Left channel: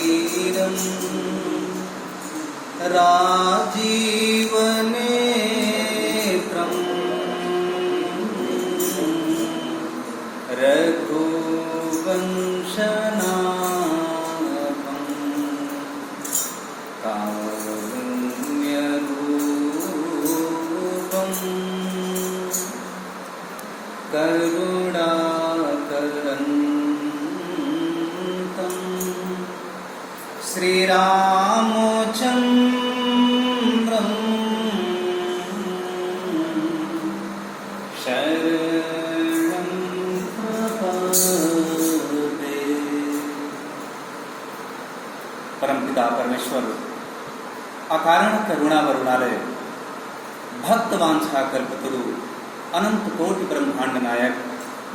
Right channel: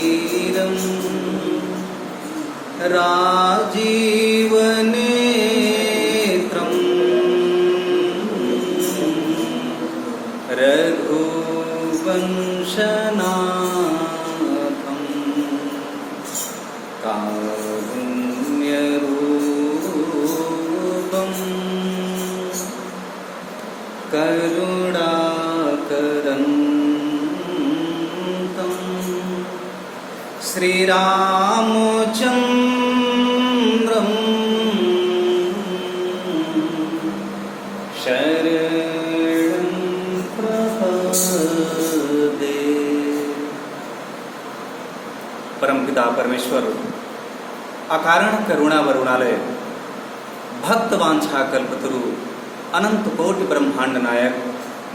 रणरङ्गधीरं राजीवनेत्रं रघुवंशनाथं कारुण्यरूपं करुणाकरन्तं श्रीरामचन्द्रं शरणं प्रपद्ये। परमपिता परमेश्वर अकारण करुणा वरुणालय भक्तवांछा कल्पतरु अनंत कोटि ब्रह्मांड नायक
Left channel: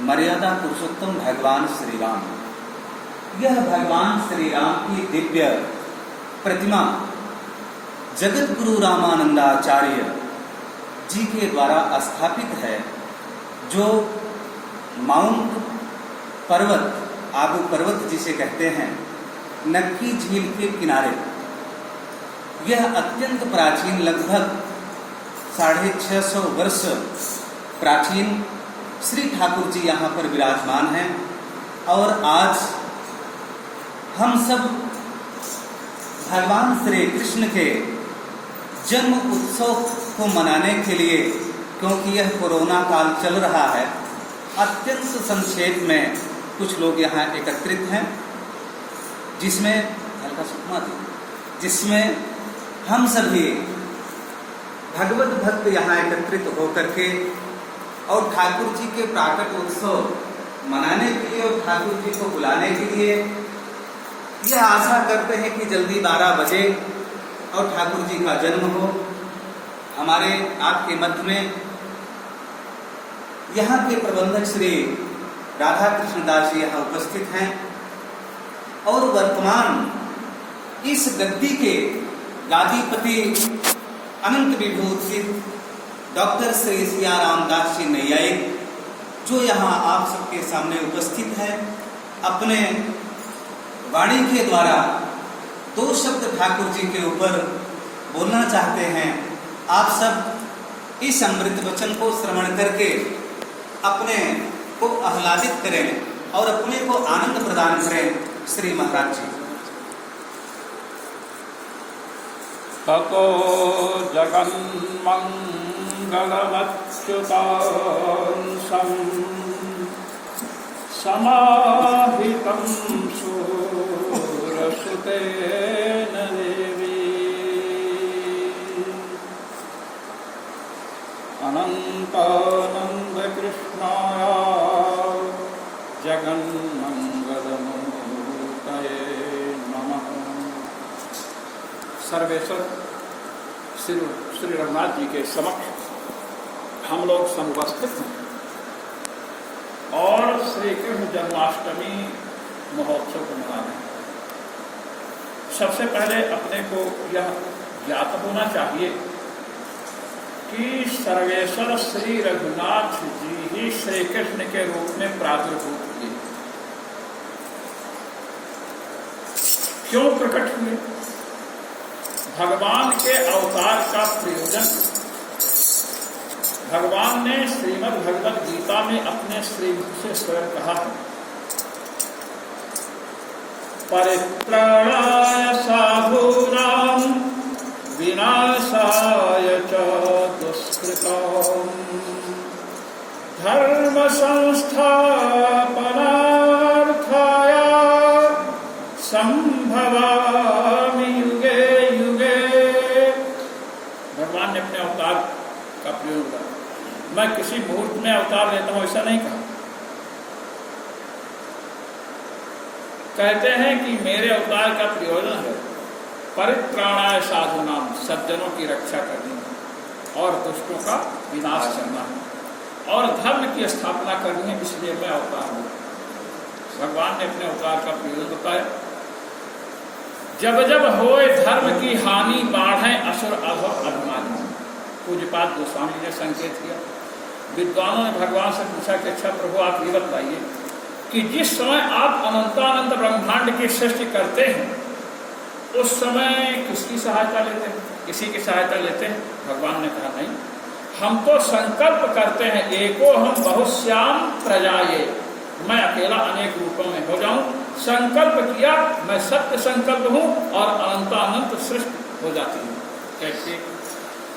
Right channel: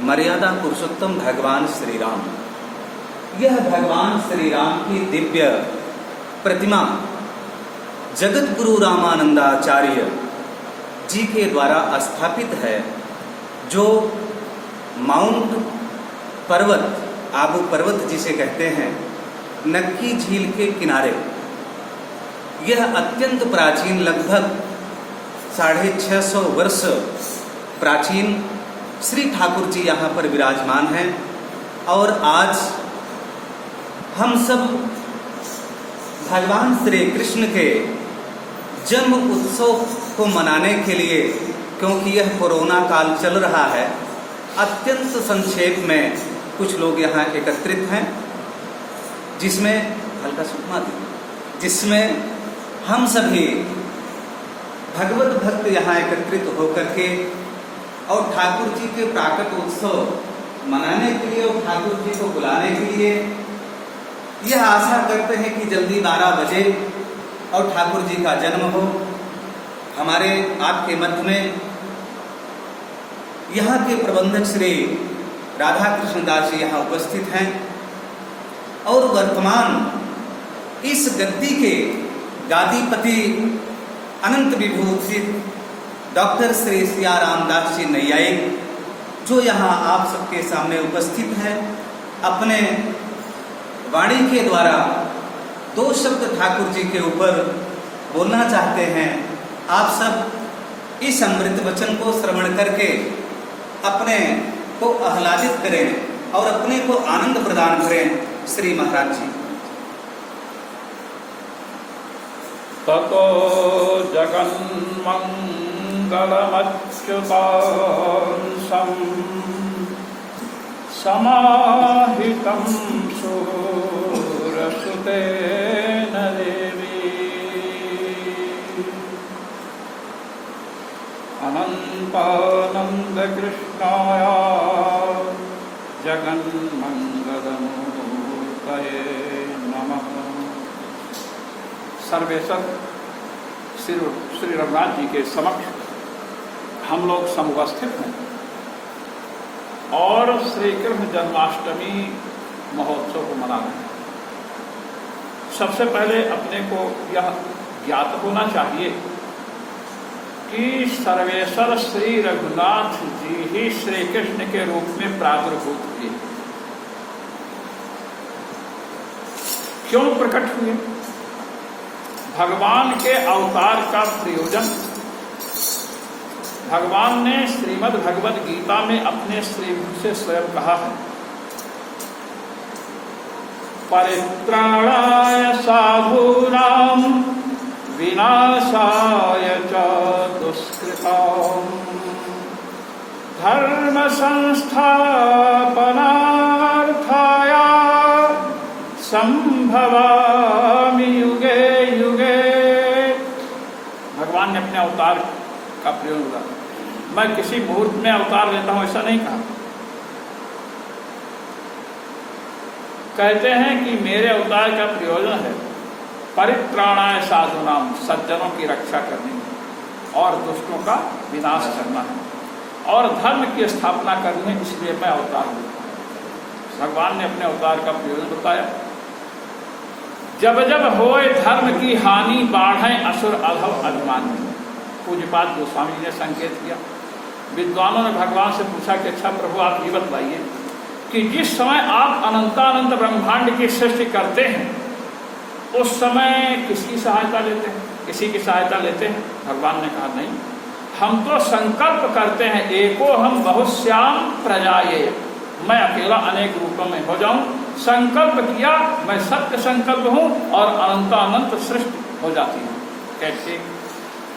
मर्यादा पुरुषोत्तम भगवान श्री राम, यह भगवान श्री राम की दिव्य प्रतिमा जगत गुरु रामानंदाचार्य जी के द्वारा स्थापित है, जो माउंट पर्वत, आबू पर्वत जिसे कहते हैं, नक्की झील के किनारे। यह अत्यंत प्राचीन, लगभग 650 वर्ष प्राचीन श्री ठाकुर जी यहाँ पर विराजमान हैं। और आज हम सब भगवान श्री कृष्ण के जन्म उत्सव को मनाने के लिए, क्योंकि यह कोरोना काल चल रहा है, अत्यंत संक्षेप में कुछ लोग यहाँ एकत्रित हैं, जिसमें हल्का सुखमा दी, जिसमें हम सभी भगवत भक्त यहाँ एकत्रित होकर के और ठाकुर जी के प्राकट उत्सव मनाने के लिए और ठाकुर जी को बुलाने के लिए यह आशा करते हैं कि जल्दी 12 बजे और ठाकुर जी का जन्म हो। हमारे आपके मध्य में यहाँ के प्रबंधक श्री राधा कृष्ण दास जी यहाँ उपस्थित हैं और वर्तमान इस गद्दी के गादीपति अनंत विभूषित डॉक्टर श्री सिया रामदास जी नैयायिक, जो यहाँ आप सबके सामने उपस्थित है, अपने वाणी के द्वारा 2 शब्द ठाकुर जी के ऊपर बोलना चाहते हैं। आप सब इस अमृत वचन को श्रवण करके अपने को आह्लादित करें और अपने को आनंद प्रदान करें। श्री महाराज जी। ततो जगन्मङ्गलमच्युतांसं समाहितं सूरसुतेन देवी अनन्तानन्दकृष्णाय जगन्मङ्गलमूर्तये नमः। सर्वेश्वर श्री रघुनाथ जी के समक्ष हम लोग समुपस्थित हैं और श्री कृष्ण जन्माष्टमी महोत्सव को मना रहे हैं। सबसे पहले अपने को यह ज्ञात होना चाहिए कि सर्वेश्वर श्री रघुनाथ जी ही श्री कृष्ण के रूप में प्रादुर्भूत हुए। क्यों प्रकट हुए? भगवान के अवतार का प्रयोजन भगवान ने श्रीमद् भगवद गीता में अपने श्रीमुख से स्वयं कहा है, परित्राणाय साधूनां विनाशाय च दुष्कृताम् धर्म संस्थापनार्थाय संभवामि युगे युगे। भगवान ने अपने अवतार का प्रयोग किया। मैं किसी मुहूर्त में अवतार लेता हूं ऐसा नहीं कहा। कहते हैं कि मेरे अवतार का प्रयोजन है परित्राणाय साधूनाम, सज्जनों की रक्षा करनी है और दुष्टों का विनाश करना है और धर्म की स्थापना करनी है, इसलिए मैं अवतार हूं। भगवान ने अपने अवतार का प्रयोजन बताया। जब जब होए धर्म की हानि बाढ़े असुर अधम अभिमानी। पूज्यपाद गोस्वामी जी ने संकेत किया। विद्वानों ने भगवान से पूछा कि अच्छा प्रभु आप ये बताइए कि जिस समय आप अनंतानंत ब्रह्मांड की सृष्टि करते हैं उस समय किसकी सहायता लेते हैं? किसी की सहायता लेते हैं? भगवान ने कहा नहीं, हम तो संकल्प करते हैं एको हम बहुश्याम प्रजाये, मैं अकेला अनेक रूपों में हो जाऊं। संकल्प किया, मैं सत्य संकल्प हूं और अनंतानंत सृष्टि हो जाती है। कैसे?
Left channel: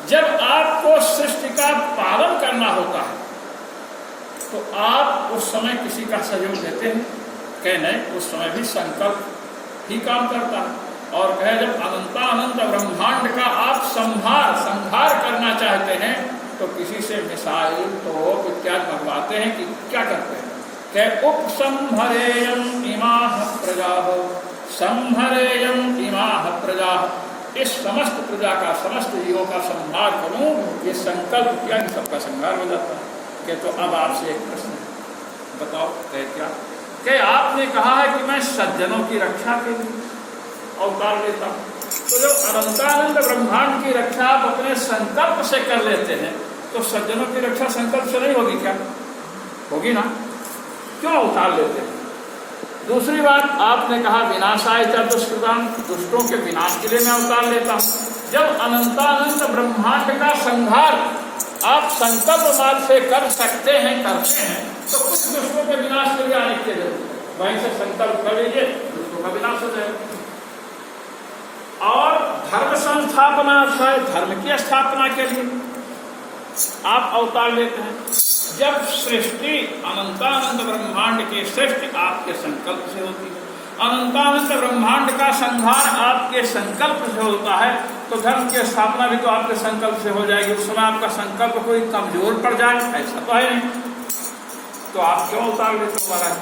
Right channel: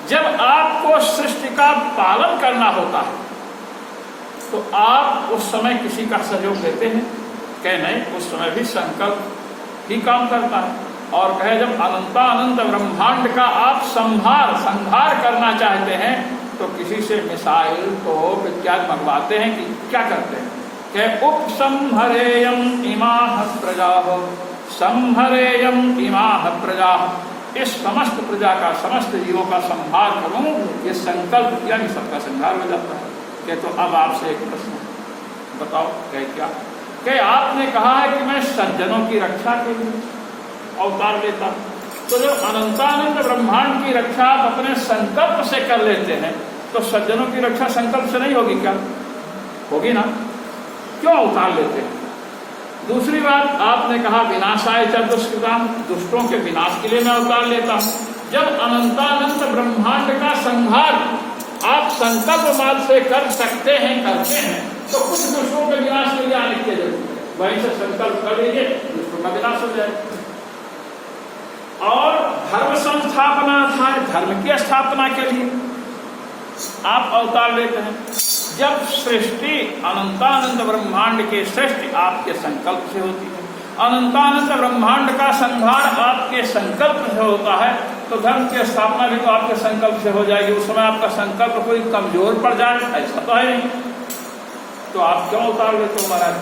जब आपको सृष्टि का पालन करना होता है तो आप उस समय किसी का सहयोग लेते हैं? कहे नहीं, उस समय भी संकल्प ही काम करता है। और कहे जब अनंतानंत ब्रह्मांड का आप संहार करना चाहते हैं तो किसी से मिसाइल तोप इत्यादि मंगवाते हैं कि क्या करते हैं? कहे उपसंहरेयम इमाह प्रजाः, संहरेयम इमाह प्रजाः, इस समस्त प्रजा का, समस्त जीवों का संहार करूं, ये संकल्प किया कि सबका संहार हो जाता है। कहे तो अब आपसे एक प्रश्न बताओ। कहे क्या? कहे आपने कहा है कि मैं सज्जनों की रक्षा के लिए अवतार लेता हूं, तो जब अनंतानंद ब्रह्मांड की रक्षा आप अपने संकल्प से कर लेते हैं तो सज्जनों की रक्षा संकल्प से नहीं होगी क्या? होगी ना? क्यों अवतार लेते हैं? दूसरी बात, आपने कहा विनाशाय च दुष्कृताम, दुष्टों के विनाश के लिए मैं अवतार लेता हूं। जब अनंतानंद ब्रह्मांड का संहार आप संकल्प माल से कर सकते हैं, करते हैं, तो कुछ दुष्टों के विनाश के लिए आने की जरूरत है। वहीं से संकल्प कर लीजिए, दुष्टों का विनाश हो जाए। और धर्म संस्थापना है, धर्म की स्थापना के लिए आप अवतार लेते हैं। जब सृष्टि अनंतानंद ब्रह्मांड की सृष्टि आपके संकल्प से होती है, अनंतानंद ब्रह्मांड का संहार आपके संकल्प से होता है, तो धर्म की स्थापना भी तो आपके संकल्प से हो जाएगी। उस समय आपका संकल्प कोई कमजोर पड़ जाए, ऐसा तो है नहीं, तो आप क्यों अवतार लेते हो महाराज?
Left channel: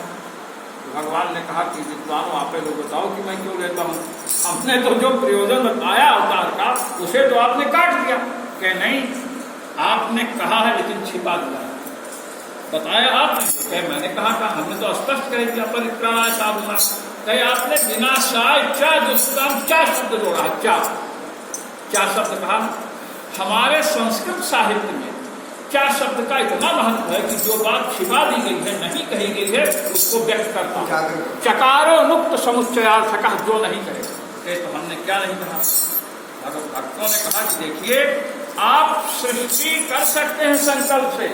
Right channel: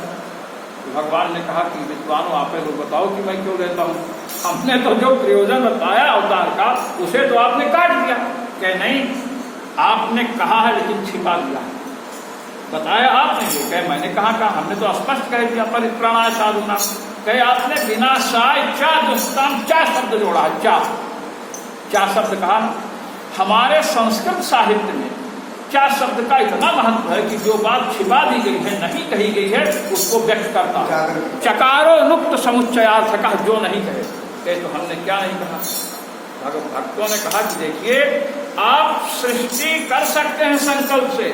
भगवान ने कहा कि विद्वानों आप लोग बताओ कि मैं क्यों लेता हूं। हमने तो जो प्रयोजन बताया अवतार का उसे तो आपने काट दिया। कहे नहीं, आपने कहा है लेकिन छिपा दिया, बताया आपने। कहे मैंने कहा हमने तो स्पष्ट कह दिया परित्राणाय साधुनां। कहे आपने विनाशाय च दुष्कृताम च शब्द जोड़ा है। क्या शब्द कहा? हमारे संस्कृत साहित्य में क्या शब्द का इतना महत्व है कि जो बात छिपा दी गई है, नहीं कही गई है, उसको व्यक्त करता है। चकारो मुक्त समुच्चयार्थकः, जो नहीं कहे। तो हमने क्या नहीं कहा? भक्तों ने कहा कि देखिए आप सृष्टि कर सकते हैं संकल्प से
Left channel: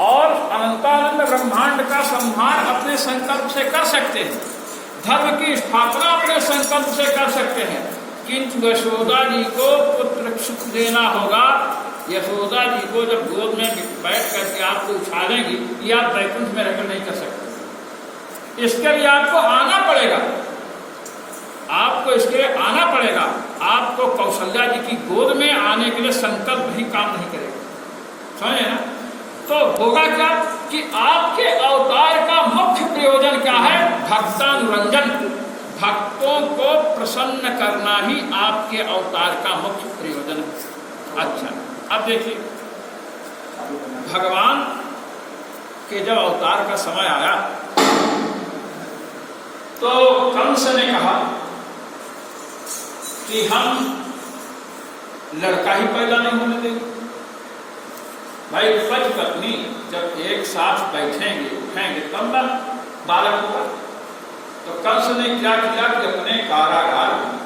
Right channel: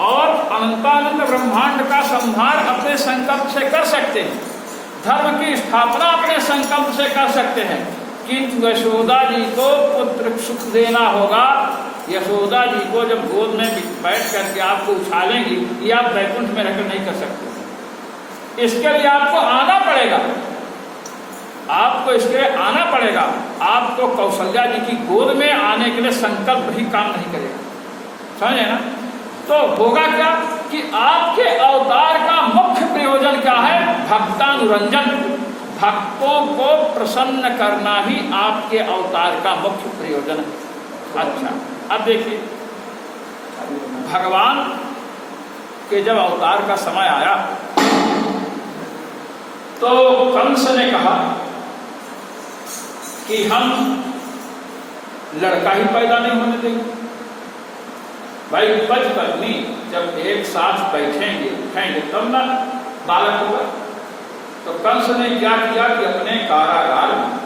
और अनंतानंद ब्रह्मांड का संहार अपने संकल्प से कर सकते हैं, धर्म की स्थापना अपने संकल्प से कर सकते हैं, किंतु यशोदा जी को पुत्र सुख देना होगा। यशोदा जी को जब गोद में बैठ करके आपको उछालेंगी, ये आप वैकुंठ में रहकर नहीं कर सकते। इसके लिए आपको आना पड़ेगा, आपको इसके लिए आना पड़ेगा। आपको कौशल्या जी की गोद में आने के लिए संकल्प ही काम नहीं करेगा, समझे ना? तो होगा क्या कि आपके अवतार का मुख्य प्रयोजन क्या है? भक्तानुरंजन, भक्तों को प्रसन्न करना ही आपके अवतार का मुख्य प्रयोजन है। अच्छा, अब देखिए भगवान के जब अवतार का समय आया तो कंस ने कहा कि हम लड़का ही पैदा नहीं होने देंगे। भाई पति पत्नी जब एक साथ बैठेंगे उठेंगे तब ना बालक होगा। तो कंस ने क्या किया कि अपने कारागार में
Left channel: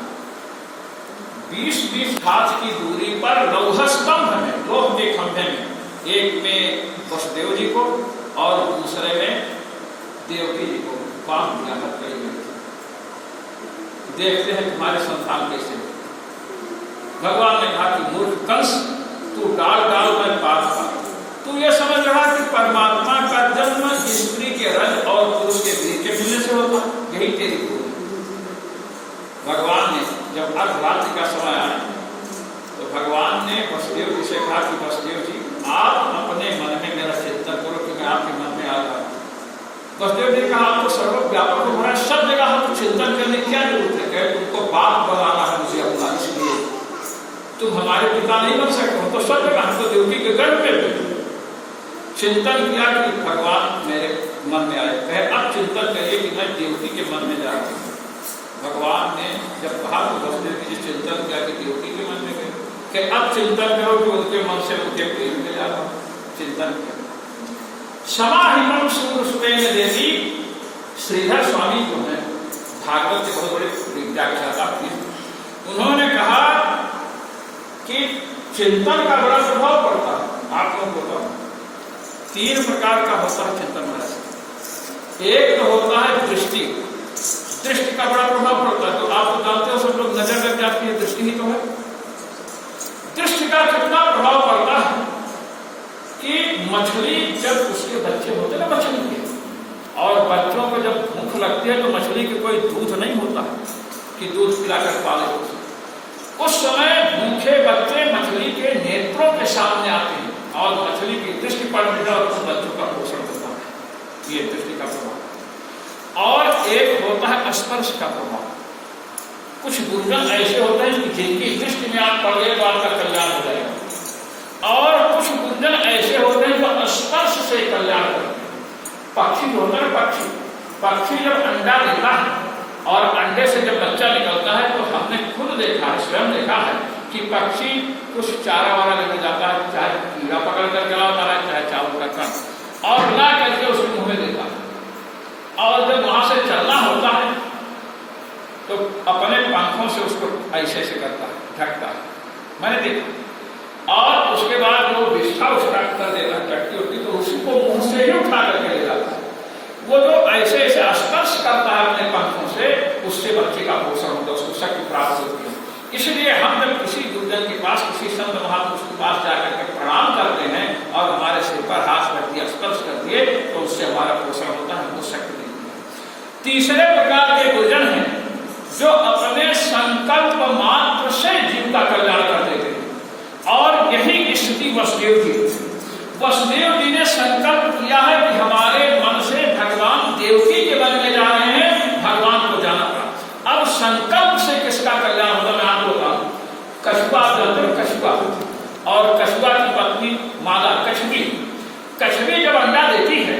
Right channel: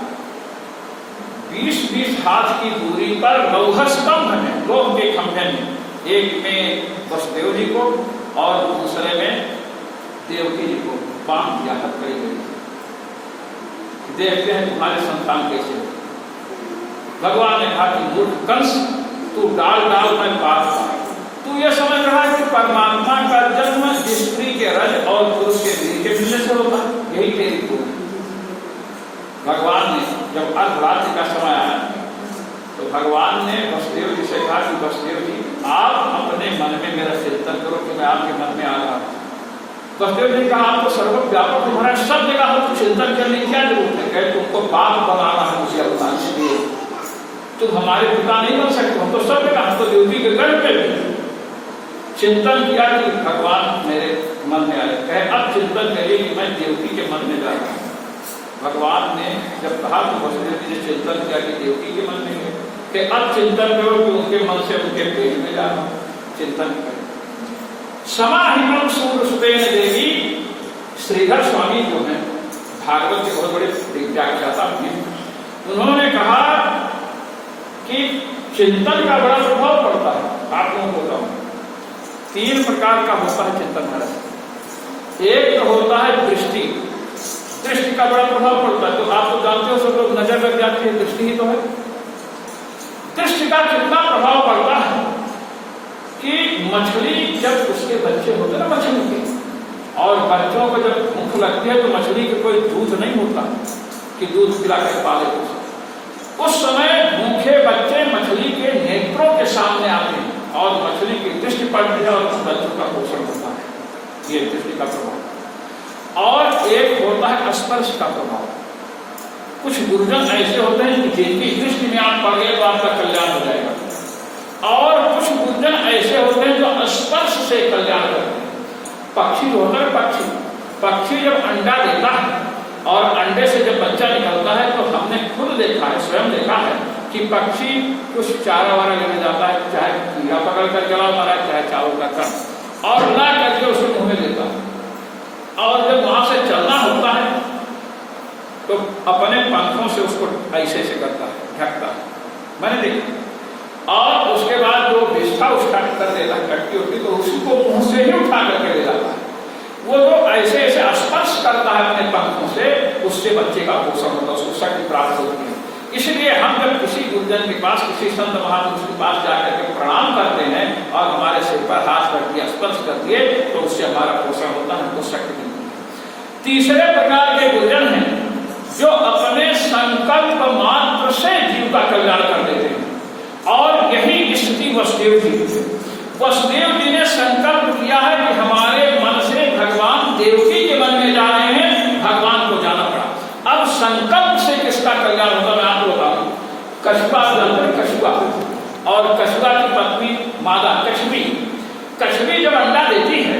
20-20 हाथ की दूरी पर लौह स्तंभ में, लोह के खंभे में, एक में वसुदेव जी को और दूसरे में देवकी जी को बांध दिया हथकड़ी में। देखते हैं तुम्हारे संतान कैसे। भगवान ने कहा कि मूर्ख कंस, तू डाल डाल में बात पाए। तू ये समझ रहा है कि परमात्मा का जन्म स्त्री के रज और पुरुष के वीर के मिलने से होता, यही तेरी भूल। भगवान ने जब अर्धरात्रि का समय आया तो भगवान ने वसुदेव जी से कहा कि वसुदेव जी आप अपने मन में मेरा चिंतन करो कि मैं आपके मन में आ रहा हूँ। वसुदेव जी कहा आपको सर्वव्यापक हो रहा है, सब जगह हमको चिंतन करने की क्या जरूरत है? कहे तुमको बाप बनाना है मुझे अपना, इसलिए तुम हमारे पिता नहीं बन सकते हो। तो सब जगह हमको देवकी के गर्भ में चिंतन किया कि भगवान मेरे मन में आए। कहे अब चिंतन करिए कि मैं देवकी के मन में जा रहा हूँ। भगवान ने जब कहा तो वसुदेव जी चिंतन किया कि देवकी के मन में गए कि अब चिंतन करो कि उनके मन से उनके पेट में जा रहा, चिंतन करो। समाहितम सूर्य सुतेन देवी, श्रीधर स्वामी जो है भागवत के बहुत बड़े व्याख्याता हुए, उन्होंने कहा कि चिंतन का बड़ा प्रभाव पड़ता है। आप लोगों को बताऊं, 3 प्रकार का होता है चिंतन महाराज। एक तो होता है दृष्टि, दृष्टि का बड़ा प्रभाव पड़ता है। तो आप तो जानते हो सब लोग नजर लग जाती है, दृष्टि ही तो है। दृष्टि का कितना प्रभाव पड़ता है कि मछली जब उसके बच्चे होते ना मछली के, और बच्चों को जब भूख लगती है तो मछली के कोई दूध नहीं होता है कि दूध पिलाकर पाले उस समय भूखे बच्चे मछली के नेत्रों के सामने आते हैं और मछली की दृष्टि पड़ती है और उस बच्चों का पोषण होता है। ये दृष्टि का प्रभाव। और एक होता है स्पर्श का प्रभाव। कुछ गुरुजन ऐसे होते हैं कि जिनकी दृष्टि में आप पड़ गए तो आपका कल्याण हो जाएगा, और कुछ गुरुजन ऐसे होते हैं जो स्पर्श से कल्याण करते हैं। पक्षी जो होता है, पक्षी जब अंडा देता है और अंडे से जब बच्चा निकलता है तो हमने खुद देखा है, स्वयं देखा है कि पक्षी कुछ चारा वारा लेने जाता है, चाहे कीड़ा पकड़ कर चला जा रहा है, चाहे चावल का कण, और ला करके उसको मुंह में देता है। और जब वहां से चलना होता है तो अपने पंखों से उसको ऐसे से करता है, ढकता है, मैंने देखा। और उसके बाद वो विष्ठा उसका कर देता है, कटकी होती तो उसी को मुंह से ही उठा करके ले जाता है। वो जो ऐसे ऐसे स्पर्श करता है अपने पंखों से, उससे बच्चे का पोषण होता है, उसको शक्ति प्राप्त होती है। इसलिए हम जब किसी गुरुजन के पास, किसी संत महापुरुष के पास जाकर के प्रणाम करते हैं और हमारे सिर पर हाथ रख दिया, स्पर्श कर दिए, तो उससे हमारा पोषण होता है, हमको शक्ति मिलती है। तीसरे प्रकार के गुरुजन हैं जो अपने संकल्प मात्र से जीव का कल्याण कर देते हैं, और यही स्थिति वसुदेव जी ने संकल्प किया है कि हमारे मन से भगवान देवकी के मन में जा रहे हैं, भगवान को जाना पड़ा। अब संकल्प से किसका कल्याण होगा मैं आपको बताऊं। कछुआ और कछुआ की पत्नी मादा कछुवी जब अंडा देती है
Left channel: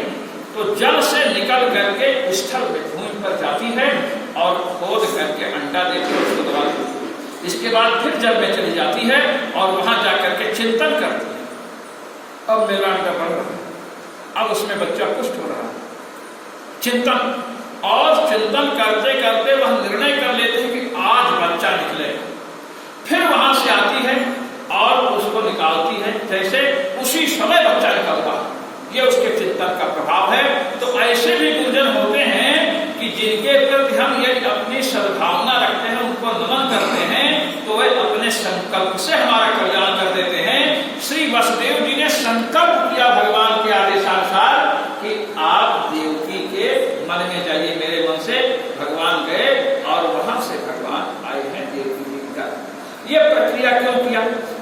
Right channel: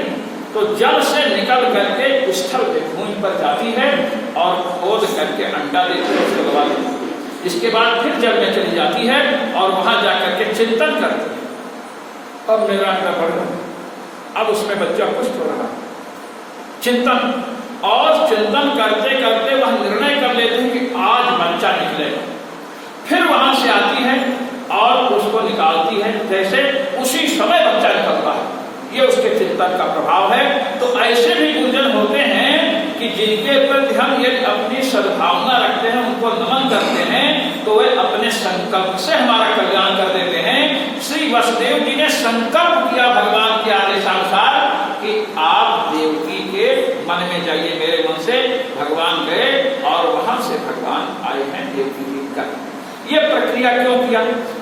तो जल से निकल करके स्थल पे भूमि पर जाती है और खोद करके अंडा देती है, उसको दबा देती है। इसके बाद फिर जल में चली जाती है और वहां जाकर के चिंतन करती है, अब मेरा अंडा बढ़ रहा है, अब उसमें बच्चा पुष्ट हो रहा है। चिंतन, और चिंतन करते करते वह निर्णय कर लेते हैं कि आज बच्चा निकलेगा। फिर वहां से आती है और उसको निकालती है, जैसे उसी समय बच्चा निकलता है। ये उसके चिंतन का प्रभाव है। तो ऐसे भी गुरुजन होते हैं कि जिनके प्रति हम यदि अपनी सद्भावना रखते हैं, उनको नमन करते हैं, तो वे अपने संकल्प से हमारा कल्याण कर देते हैं। श्री वसुदेव जी ने संकल्प किया भगवान के आदेशानुसार कि आप देवकी के मन में जाइए, मेरे मन से भगवान गए और वहां से भगवान आए हैं देवकी जी का। ये प्रक्रिया क्यों किया?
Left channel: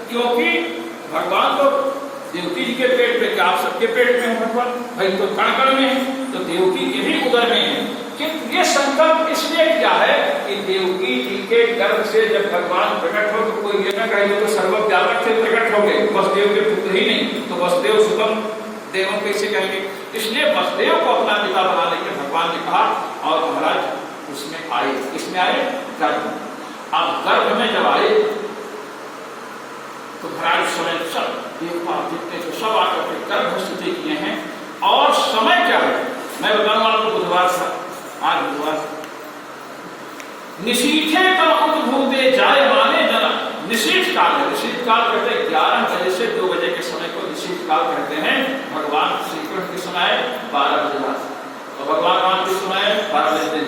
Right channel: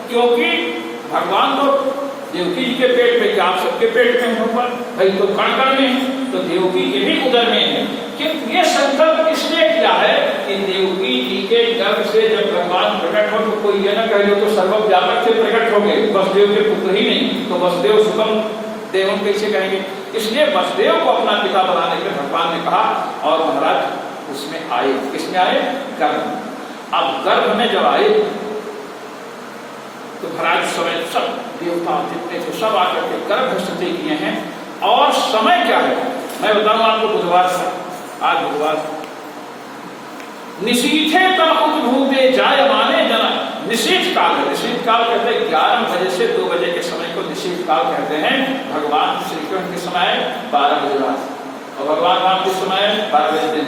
क्योंकि भगवान को देवकी जी के पेट में, क्या आप सबके पेट में है भगवान? भाई तो कण कण में है, तो देवकी के भी उदर में है। किंतु ये संकल्प इसलिए किया है कि देवकी जी के गर्भ से जब भगवान प्रकट हो तो कोई ये ना कहे तो सर्वव्यापक से प्रकट हो गए, वसुदेव के पुत्र ही नहीं, तो वसुदेव सुतम देवम कैसे कहेंगे? इसलिए वसुदेव को अपना पिता बनाने के भगवान ने कहा और महाराज उसमें आए। किसमें आए? गर्भ। अब गर्भ में जब आए तो महाराज समय सब देवता जितने थे सब आकर के गर्भ स्तुति किए हैं। और समय क्या है मैं बताऊं आपको, बुधवार से आज बुधवार, निशीथे तो भूते जाए माने जना। निशीथ काल है, निशीथ काल कहते हैं 11 बजे से 2 बजे के समय को निशीथ काल कहते हैं। भगवान श्री कृष्ण के समय 12 बजे रात और भगवान राम के समय 12 बजे दिन।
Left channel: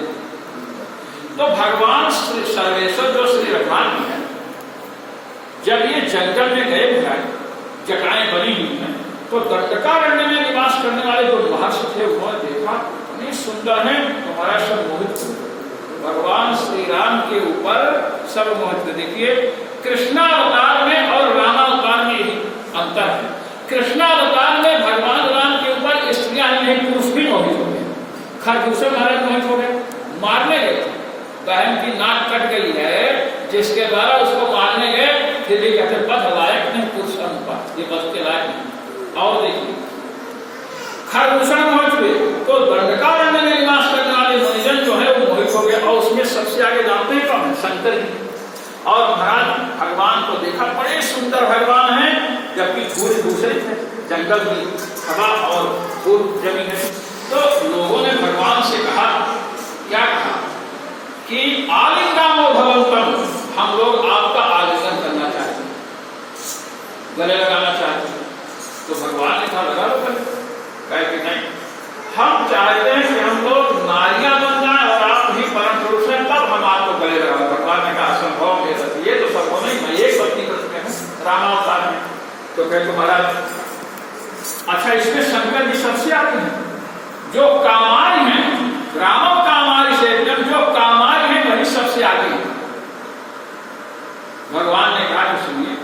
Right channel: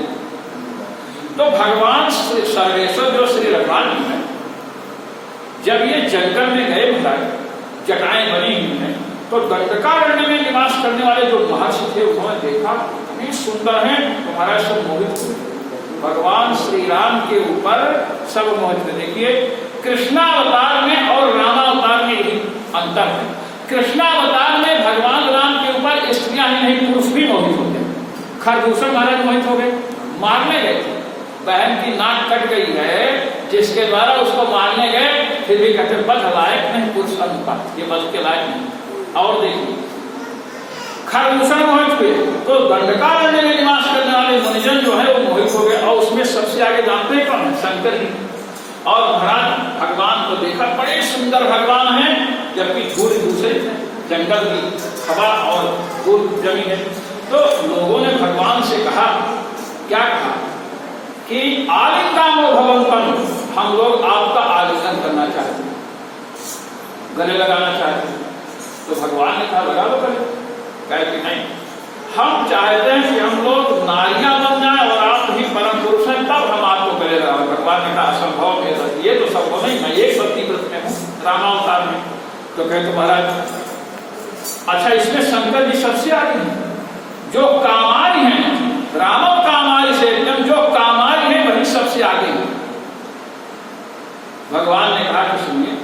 तो भगवान सर्वेश्वर जो श्री रघुनाथ जी हैं, जब ये जंगल में गए महाराज, जटाएं बनी हुई हैं, तो दंडकारण्य में निवास करने वाले जो महर्षि थे उन्होंने देखा इतनी सुंदर है, तो महाराज सब मोहित हुए। भगवान श्री राम के ऊपर सब मोहित। देखिए कृष्णावतार में और रामावतार में यही अंतर है। कृष्णावतार में भगवान राम के ऊपर स्त्रियां ही नहीं पुरुष भी मोहित हो गए। खरदूषण महाराज मोहित हो गए, मारने गए, बहन की नाक कट गई है जिसके द्वारा उसको मारने गए, फिर भी कहते बध लायक नहीं पुरुष अनुपात, ये बध के लायक नहीं। और देखिए खरदूषण मोहित हुए, तो दंडकारण्य में निवास करने वाले मुनिजन जो है वो मोहित हो गए। और उसमें सबसे सबसे आगे जानते हैं कौन है? शंकर जी। और महाराज भगवान को देखा, बड़े सुंदर भगवान हैं, जबकि धूल दूसरे थे, जंगल की हवा और धूल जमी है। तो लोगों ने भगवान से कहा, क्या कहा कि आलिंगामो भवन्तम, हम लोग आपका आलिंगन करना चाहते हैं, गले लगाना चाहते हैं। तो भगवान ने कहा लगा लो गले। कहे कि नहीं, हम चाहते हैं कि हम लोग नारियां बन जाए और आप ही परम पुरुष हैं, तब हम आपको गले लगा। भगवान ने कहा असंभव, ये तो संभव नहीं, मैं एक व्यक्ति में हूँ रामावतार में। तो कहते महाराज अच्छा, इसमें शंकर जी सबसे आगे हैं, जो कामारी हैं, रामव कामारी से एकदम जो कामारी है वही सबसे आगे है। भगवान ने कहा कि सुनिए,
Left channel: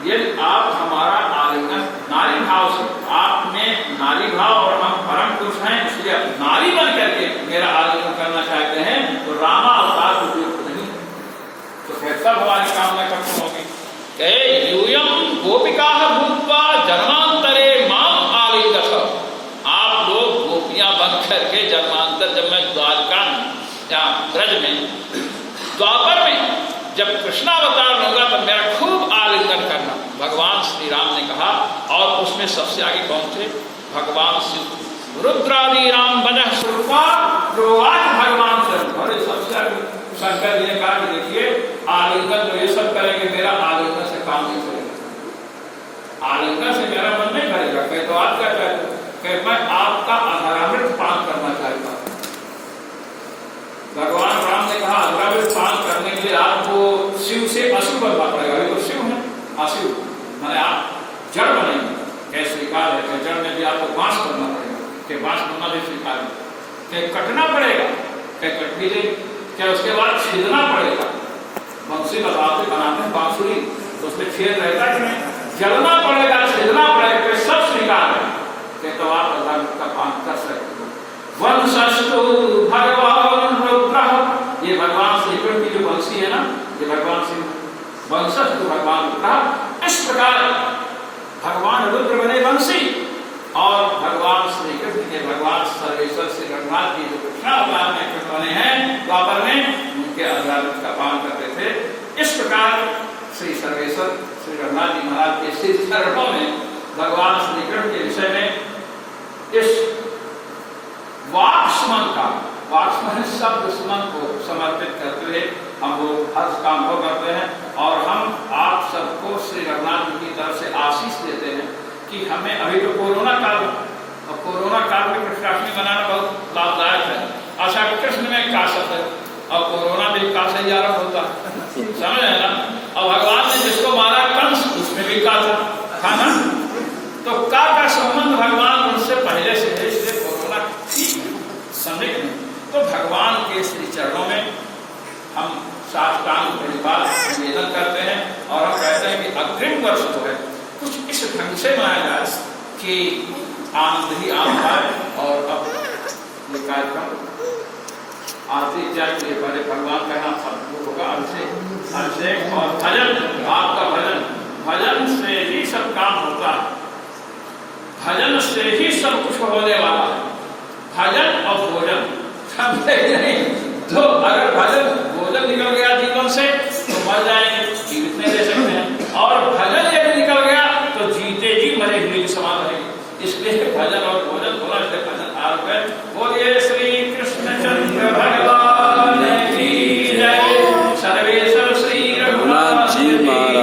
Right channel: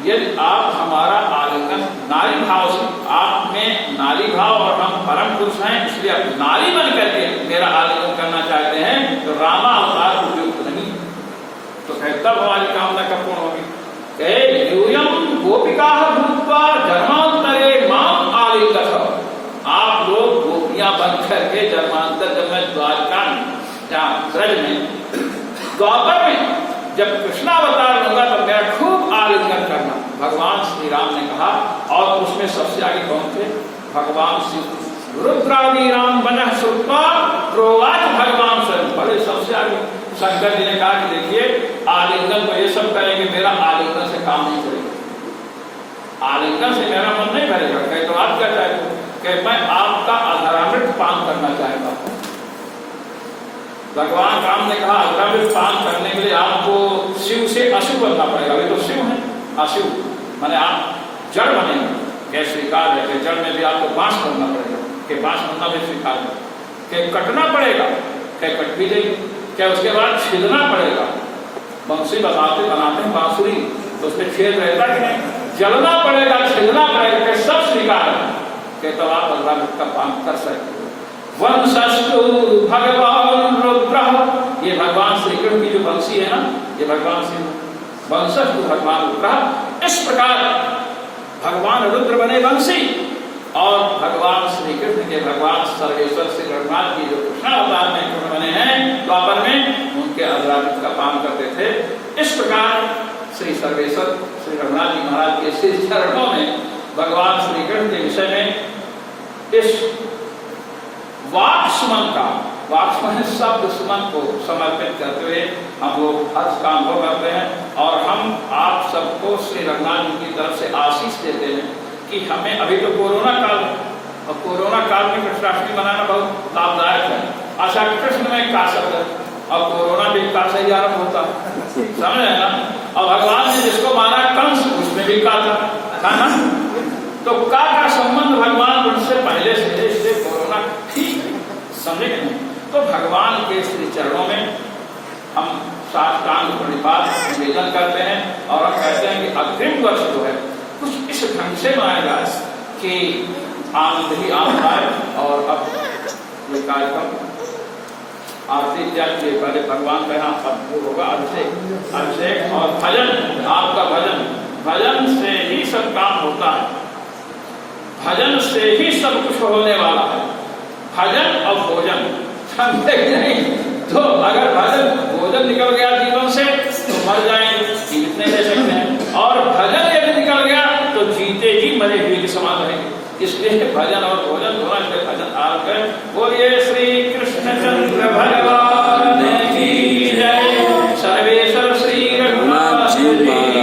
यदि आप हमारा आलिंगन नारी भाव से, आप में नारी भाव और हम परम पुरुष हैं, इसलिए आप नारी बन करके मेरा आलिंगन करना चाहते हैं, तो रामा अवतार उपयुक्त नहीं। तो कहता हमारी कामना कब पूर्ण होगी? यूयम गोपिका भूत्वा जन्मांतरे माम आलिंगथ। आप लोग गोपियां बन करके जन्मांतर, जब मैं द्वारका ब्रज में द्वापर में जब कृष्णावतार लूंगा तब मेरा खूब आलिंगन करना, भगवान श्री राम ने कहा। और उसमें सबसे आगे कौन थे? भगवान शिव। रुद्रादि राम बनः स्वरूपा प्रोवाच भगवान स्वरूप। बड़े सबसे आगे शंकर जी ने कहा कि देखिए, आलिंगन तो ये सब करेंगे, मेरा आलिंगन से काम नहीं करेगा, आलिंगन से मेरा मन नहीं करेगा। कहे तो आप क्या चाहते हो? कहे मैं आपका अधरामृत पान करना चाहता हूँ। भगवान राम ने कहा अधरामृत पान करने के लिए आपको शिव से अशिव बनना पड़ेगा। अभी तो शिव है, अशिव माने आप जड़ बनेंगे। क्या स्वीकार है कि जड़ में भी आपको बांस करना पड़ेगा, कि बांस बनना भी स्वीकार है, कि कटना पड़ेगा, क्या कट भी नहीं, क्या उसके बाद छिदना पड़ेगा। बंसी बनाते हैं बांसुरी, तो उसमें छेद रहता है कि नहीं, जलना पड़ेगा, छिदना पड़ेगा, कि सब स्वीकार है, कि तो आप अधरामृत का पान कर सकते हो। वंशस्तु भगवान रुद्र, ये भगवान श्री कृष्ण की जो वंशी है ना, ये भगवान श्री वंशस्तु भगवान रुद्र। इस प्रकार भगवान रुद्र बने वंशी, और भगवान श्री कृष्ण के भगवान सर्वेश्वर श्री रघुनाथ जी जो कृष्णावतार में कृष्ण बने हैं द्वापर में, उनके अधरामृत का पान करते थे। इस प्रकार श्री सर्वेश्वर श्री रघुनाथ जी महाराज के श्री चरणों में भगवान श्री कृष्ण के विषय में इस वाक्समन का, वाक्समन शब्द सुमन को समर्पित करते हुए हम लोग हर काम को करते हैं। और हम आप सबको श्री रघुनाथ जी की तरफ से आशीष देते हैं कि हमें अभी तो कोरोना काल, और कोरोना काल में कृष्णाष्टमी मनाना बहुत लाभदायक है। आशा कृष्ण में का शब्द है, और कोरोना भी का से ही आरंभ होता है, समझ है ना। और भगवान ने जिसको मारा कंस, उसमें भी का था ना, तो का संबंध भगवान उनसे पहले से है, इसलिए कोरोना ठीक समझे नहीं। तो भगवान के श्री चरणों में हम साष्टांग प्रणिपात निवेदन करते हैं, और हम कहते हैं कि अग्रिम वर्ष जो है कुछ इस ढंग से मनाया जाए कि आनंद ही आनंद आए। और अब ये कार्यक्रम आरती इत्यादि के पहले भगवान का यहाँ होगा अभिषेक, अभिषेक और भजन, आपका भजन, भजन से ही सब काम होता है, भजन से ही सब कुछ होने वाला है। भजन और भोजन समझे नहीं, तो अगर भजन भोजन निकल गया जीवन से तो मर जाएंगे, जीवित नहीं रह सकते हैं। और भजन यदि निकल गया तो जीते जी मरे हुए के समान रहेंगे। इसलिए भजन और भोजन दोनों के भजन आरंभ है। बोलिए श्री कृष्णचंद्र भगवान की जय, सर्वेश्वर श्री रघुनाथ जी।